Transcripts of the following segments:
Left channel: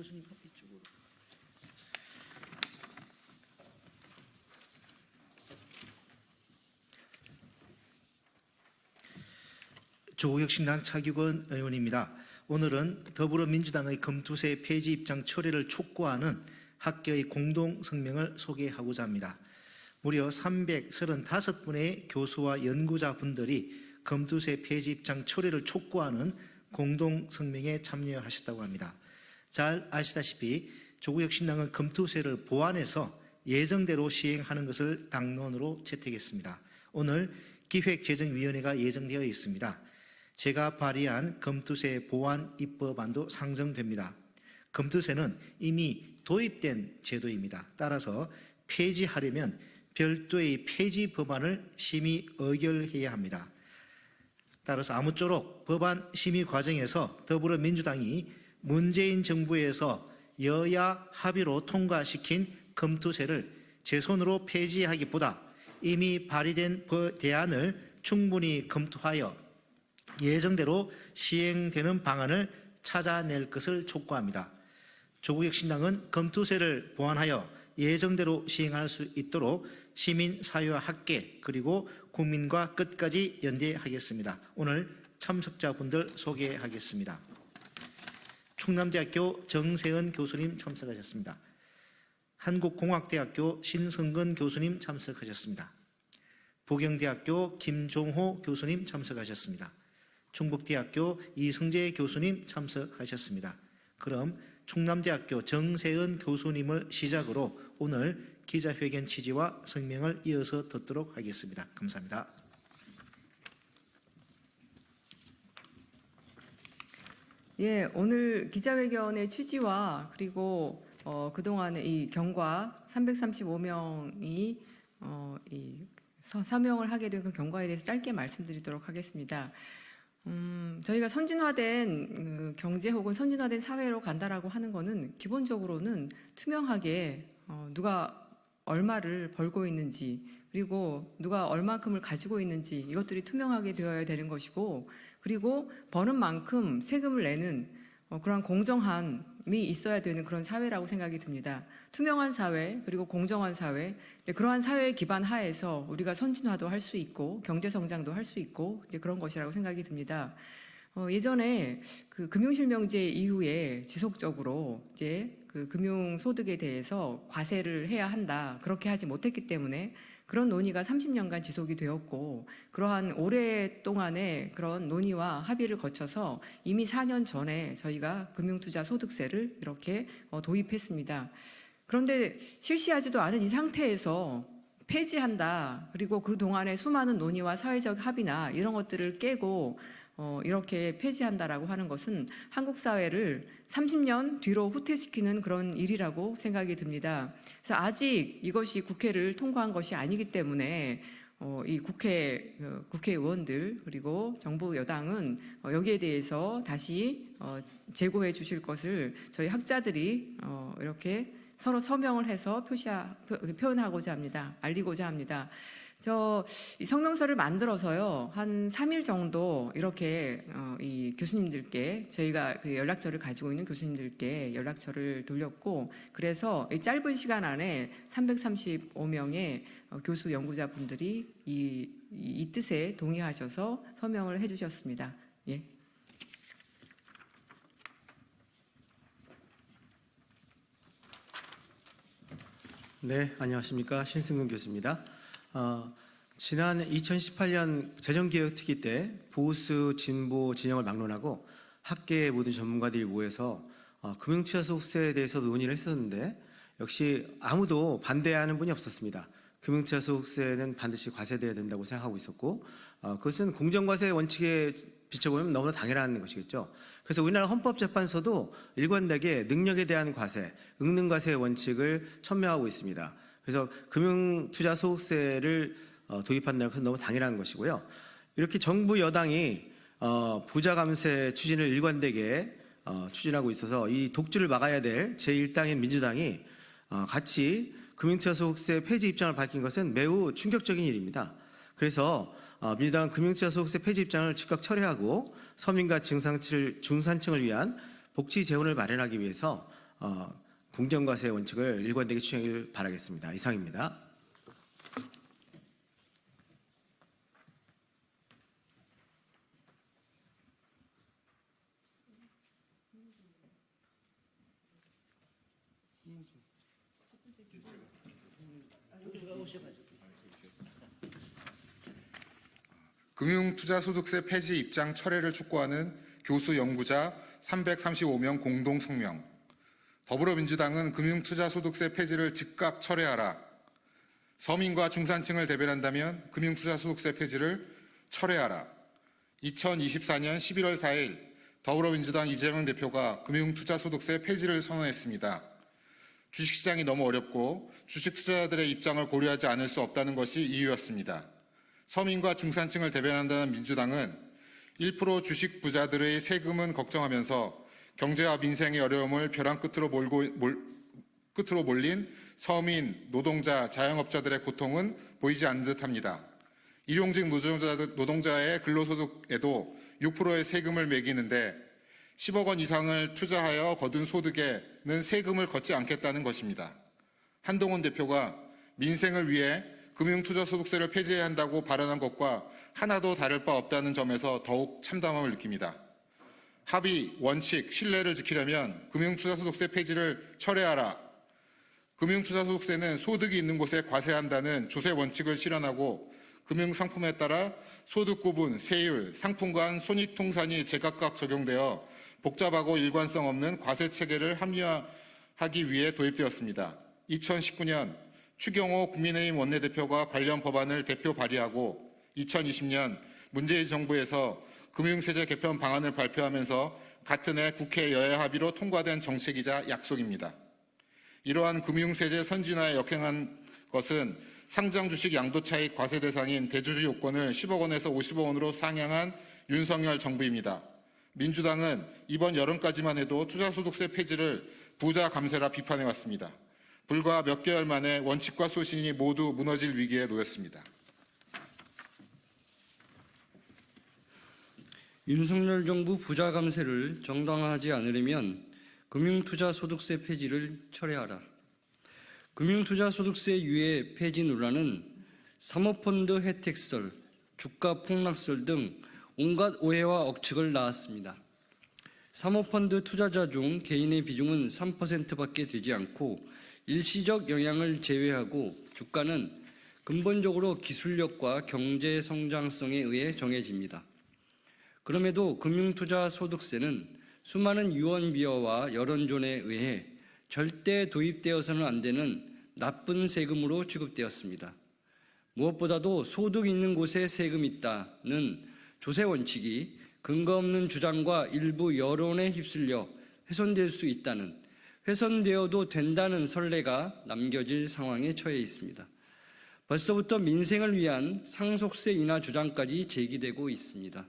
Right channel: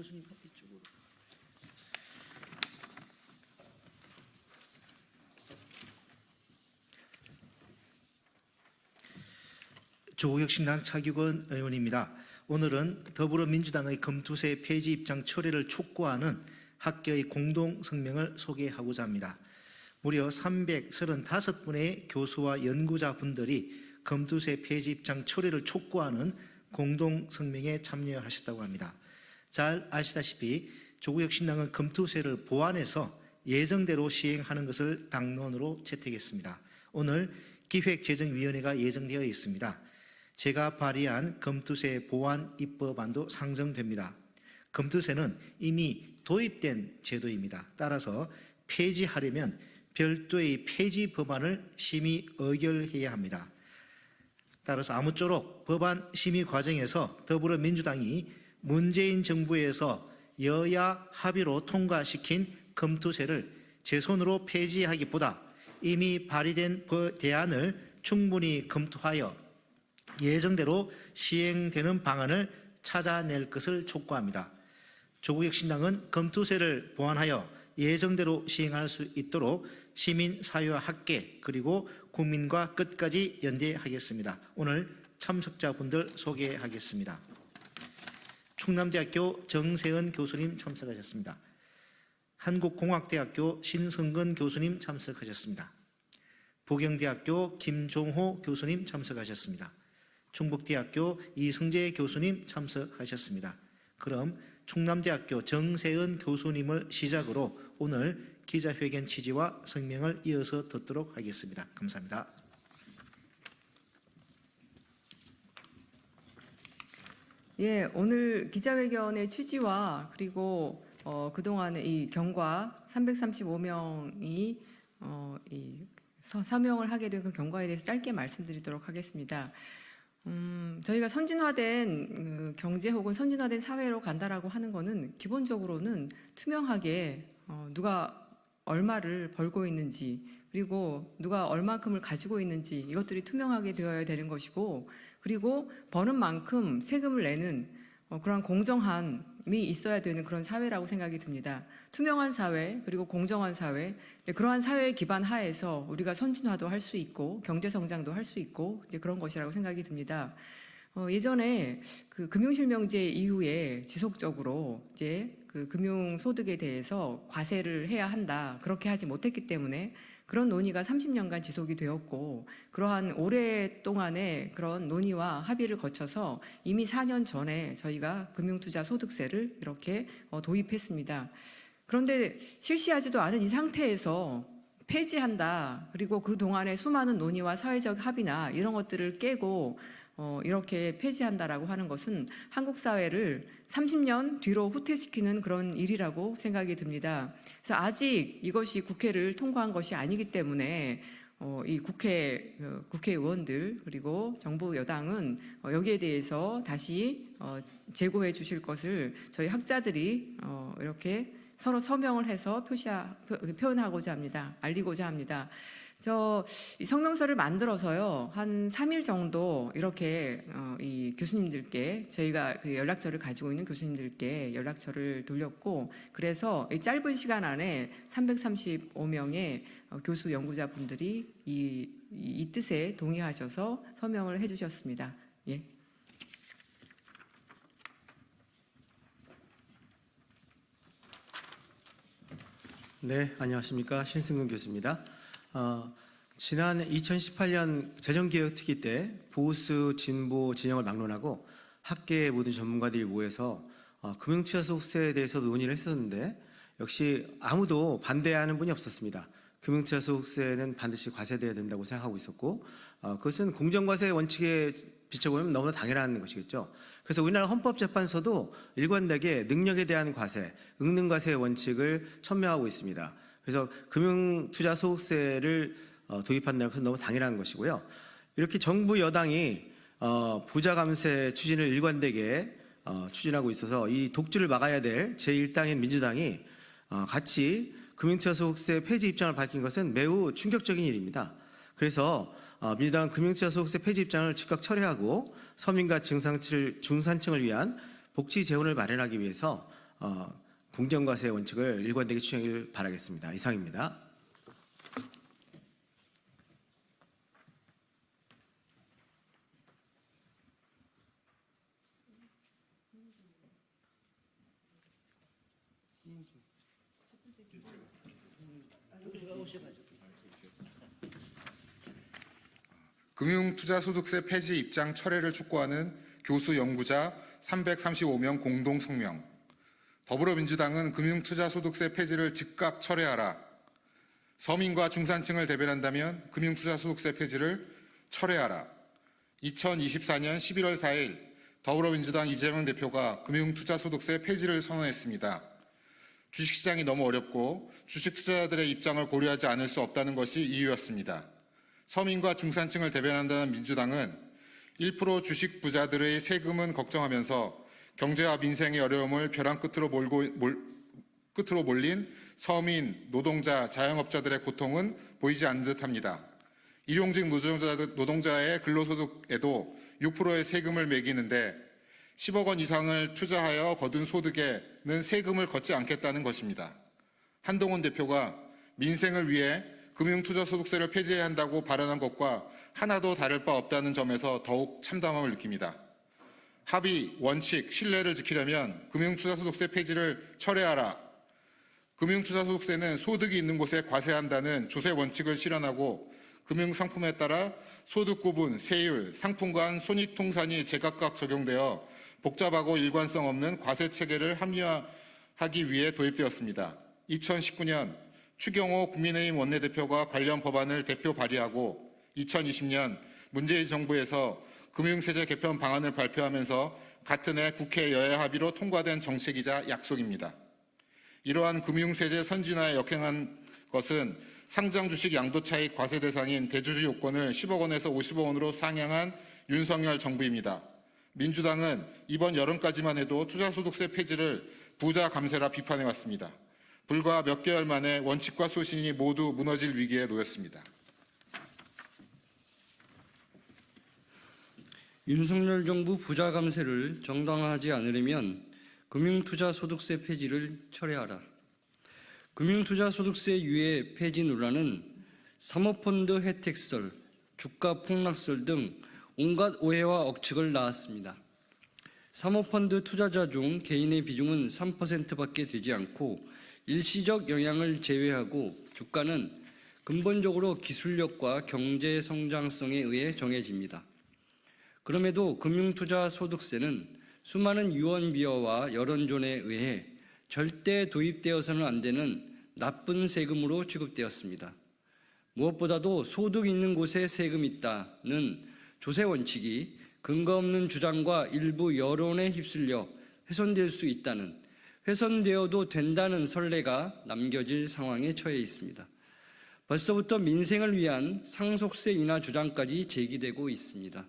교수님 이쪽으로. 조국혁신당 차기권 의원입니다. 오늘은 더불어민주당의 검투세 폐지 입장 철회를 촉구하는 학계의 공동성명을 소개하고자 합니다. 무려 335분의 교수와 연구자분들이 검투세 폐지 입장 철회를 촉구하는 공동성명에 참여하셨다고 합니다. 잘 아시다시피 조국혁신당은 검투세를 보완해서 예정대로 시행하는 것을 당론으로 채택했습니다. 오늘 기획재정위원회가 예정되어 있습니다. 제가 발의한 검투세 보완 입법안도 상정됩니다. 검투세는 이미 도입된 제도입니다. 따라서 폐지하려면 별도의 폐지 법안을 심의 의결해야 합니다. 따라서 아무쪼록 법안 심의 과정에서 더불어민주당이 문재인 정부에서 여야 합의로 통과시킨 검투세를 제 손으로 폐지하기보다 이미 발의된 대안을 충분히 검토하여 예정대로 시행되는 방안을 찾아낼 것을 촉구합니다. 조국혁신당은 검투세를 보완하여 예정대로 시행할 수 있도록 시민사회와 학계 그리고 국민과 끝까지 연대하겠습니다. 오늘 참석자분들 소개하겠습니다. 충남대학교 정세은 교수님 참석하셨습니다. 한국공학대학교 신성근 교수님 참석하셨습니다. 부경대학교 김종호 교수님 참석하셨습니다. 충북대학교 이성재 교수님 참석하셨습니다. 그럼 충남대학교 정세은 교수님을 시작으로 오늘 기자회견 취지와 성명을 이어서 듣도록 하겠습니다. 감사합니다. 예, 오늘 기자회견의 취지와 그리고 그동안의 이 경과 335명이 사명을 하게 된 그 경과에 대해서 짧게 말씀드리도록 하겠습니다. 저희가 선진화된 경제 혹은 선진화된 사회로 간다라고 하는 거는 기본적으로는 투명하게 누가 얼마를 벌고 있는지 그리고 누가 얼마큼을 가지고 있는지 이것들이 투명하게 되어야 되는 것이고 그리고 버는 만큼 세금을 내는 그러한 공정함이 있어야 되는 그런 사회라고 생각이 듭니다. 투명한 사회 그리고 공정한 사회 그러한 사회의 기반 하에서 우리가 선진화도 할 수 있고 경제성장도 할 수 있고 이제 그런 것이라고 생각이 듭니다. 예전에 그 금융실명제 이후에 지속적으로 이제 그 금융소득에 대해서 과세를 해야 한다 그렇게 하지 못했기 때문에 그런 논의가 30년간 지속이 되었고 그러한 오랫동안의 그런 논의와 합의를 거쳐서 이미 4년 전에 저희가 금융투자소득세를 이렇게 도입했습니다. 그런데 실시하지도 않은 이 상태에서 폐지한다 그리고 그동안의 수많은 논의와 사회적 합의나 이런 것들을 깨고 이렇게 폐지한다라고 하는 것은 한국 사회를 30년 뒤로 후퇴시키는 그런 일이라고 생각이 듭니다. 그래서 아직 이것이 국회를 통과한 것이 아니기 때문에 이 국회의원들 그리고 정부 여당은 여기에 대해서 다시 제고해 주실 것을 저희 학자들이 이렇게 서로 서명을 해서 표현하고자 합니다. 알리고자 합니다. 이 성명서를 만들어서요, 한 3일 정도 이렇게, 이 교수님들께, 저희가 그 연락처를 가지고 있는 교수님들께 연락처를 돌렸고, 그래서 이 짧은 시간 안에 335명의 교수 연구자분들이 이 뜻에 동의하셔서 서명을 해주셨습니다. 예. 네, 안녕하십니까. 신승근 교수입니다. 지난 2018년 재정개혁특위 때 보수, 진보 진영을 막론하고 학계의 모든 전문가들이 모여서 금융투자소득세에 대해서 논의를 했었는데 역시 아무도 반대하는 분이 없었습니다. 금융투자소득세는 반드시 과세돼야 된다고 생각하고 있었고 그것은 공정과세 원칙에 비춰보면 너무나 당연한 것이겠죠. 그래서 우리나라 헌법재판소도 일관되게 능력에 대한 과세, 응능과세 원칙을 천명하고 있습니다. 그래서 금융투자소득세를 도입한다는 것은 너무 당연한 것이고요. 이렇게 정부 여당이 부자 감세 추진을 일관되게 추진하고 있어서 이 독주를 막아야 될 제1당인 민주당이 같이 금융투자소득세 폐지 입장을 밝힌 것은 매우 충격적인 일입니다. 그래서 민주당은 금융투자소득세 폐지 입장을 즉각 철회하고 서민과 중산층을 위한 복지 재원을 마련하기 위해서 공정과세 원칙을 일관되게 추진하길 바라겠습니다. 이상입니다. 금융투자소득세 폐지 입장 철회를 촉구하는 교수 연구자 335명 공동 성명. 더불어민주당은 금융투자소득세 폐지를 즉각 철회하라. 서민과 중산층을 대변한다면 금융투자소득세 폐지를 철회하라. 2024년 11월 4일 더불어민주당 이재명 대표가 금융투자소득세 폐지를 선언했습니다. 주식시장이 너무 어렵고 주식 투자자들의 입장을 고려하지 않을 수 없다는 것이 이유였습니다. 서민과 중산층을 대변한다는 민주당은 1% 주식 부자들의 세금은 걱정하면서 경제와 민생의 어려움을 벼랑 끝으로 몰린 서민, 노동자, 자영업자들의 고통은 보이지 않는 듯합니다. 일용직 노동자의 근로소득에도 6%의 세금을 매기는데 10억 원 이상을 투자하여 거둔 소득에는 세금을 걷지 않겠다는 것입니다. 한동훈 대표가 민생을 위해 금융투자소득세를 폐지해야 한다고 발언한 것과 하나도 다를 바 없다는 점에서 더욱 참담함을 느낍니다. 합의, 원칙, 신뢰를 지키려면 금융투자소득세 폐지를 철회하라. 금융투자소득세는 소득이 있는 곳에 과세한다는 조세 원칙을 실현하고 금융상품에 따라 소득 구분, 세율, 상품 간 손익통산이 제각각 적용되어 복잡하고 일관성 없는 과세 체계를 합리화하기 위해 도입되었습니다. 2019년 추경호 국민의힘 원내대표가 관련 법안을 대표 발의하고 2020년 문재인 정부에서 금융세제 개편 방안을 발표하면서 같은 해 국회 여야 합의로 통과된 정책이자 약속입니다. 이러한 금융세제 선진화에 역행한 것은 상장 주식 양도차익 과세 대상인 대주주 요건을 10억 원에서 50억 원으로 상향한 윤석열 정부입니다. 민주당은 이번 여름까지만 해도 투자소득세 폐지를 부자 감세라 비판해왔습니다. 불과 몇 개월 만에 원칙과 소신이 모두 무너질 위기에 놓였습니다. 윤석열 정부 부자 감세를 정당화하지 않으려면 금융투자소득세 폐지를 철회하라. 금융투자소득세 유예 폐지 논란은 사모펀드 혜택설, 주가 폭락설 등 온갖 오해와 억측을 낳았습니다. 사모펀드 투자자 중 개인의 비중은 3%밖에 되지 않고 일시적 영향을 제외하고 주가는 근본적으로 기술력과 경제 성장성에 의해 정해집니다. 그럼에도 금융투자소득세는 수많은 유언비어와 여론전에 의해 절대 도입되어서는 안 되는 나쁜 세금으로 취급되었습니다. 무엇보다도 소득 있는 곳에 세금 있다는 조세 원칙이 근거 없는 주장과 일부 여론에 휩쓸려 훼손될 수 있다는, 훼손되어도 된다는 선례가 남겨질 상황에 처해 있습니다. 벌써부터 민생을 위한 상속세 인하 주장까지 제기되고 있습니다.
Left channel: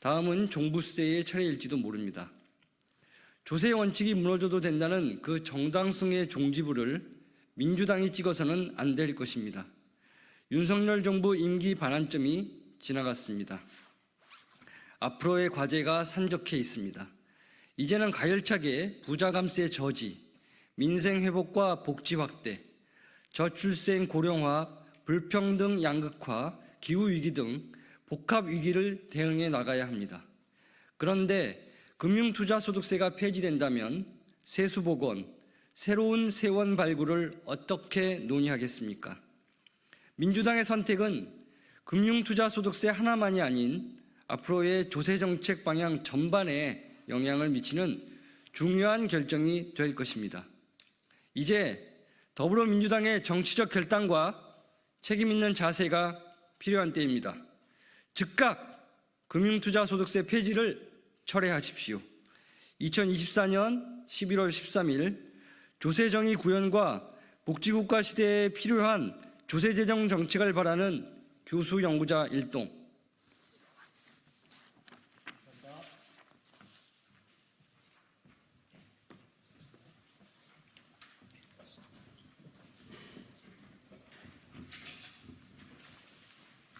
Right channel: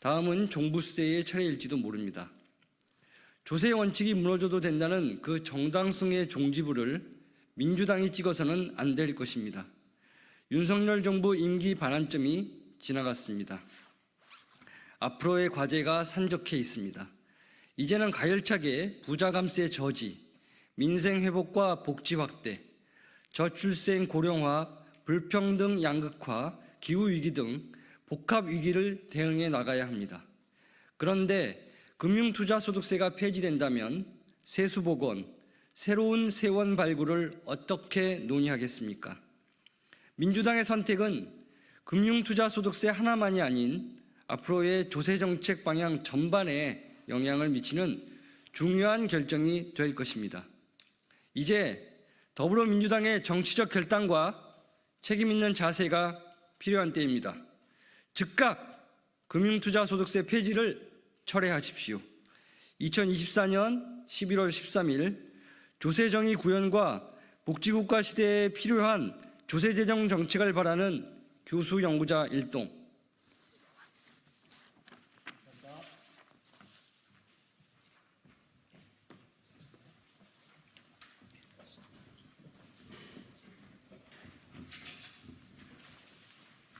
다음은 종부세의 차례일지도 모릅니다. 조세 원칙이 무너져도 된다는 그 정당성의 종지부를 민주당이 찍어서는 안 될 것입니다. 윤석열 정부 임기 반환점이 지나갔습니다. 앞으로의 과제가 산적해 있습니다. 이제는 가열차게 부자 감세 저지, 민생 회복과 복지 확대, 저출생 고령화, 불평등 양극화, 기후위기 등 복합 위기를 대응해 나가야 합니다. 그런데 금융투자소득세가 폐지된다면 세수복원, 새로운 세원 발굴을 어떻게 논의하겠습니까? 민주당의 선택은 금융투자소득세 하나만이 아닌 앞으로의 조세정책 방향 전반에 영향을 미치는 중요한 결정이 될 것입니다. 이제 더불어민주당의 정치적 결단과 책임 있는 자세가 필요한 때입니다. 즉각 금융투자소득세 폐지를 철회하십시오. 2024년 11월 13일 조세정의 구현과 복지국가 시대에 필요한 조세재정 정책을 바라는 교수 연구자 일동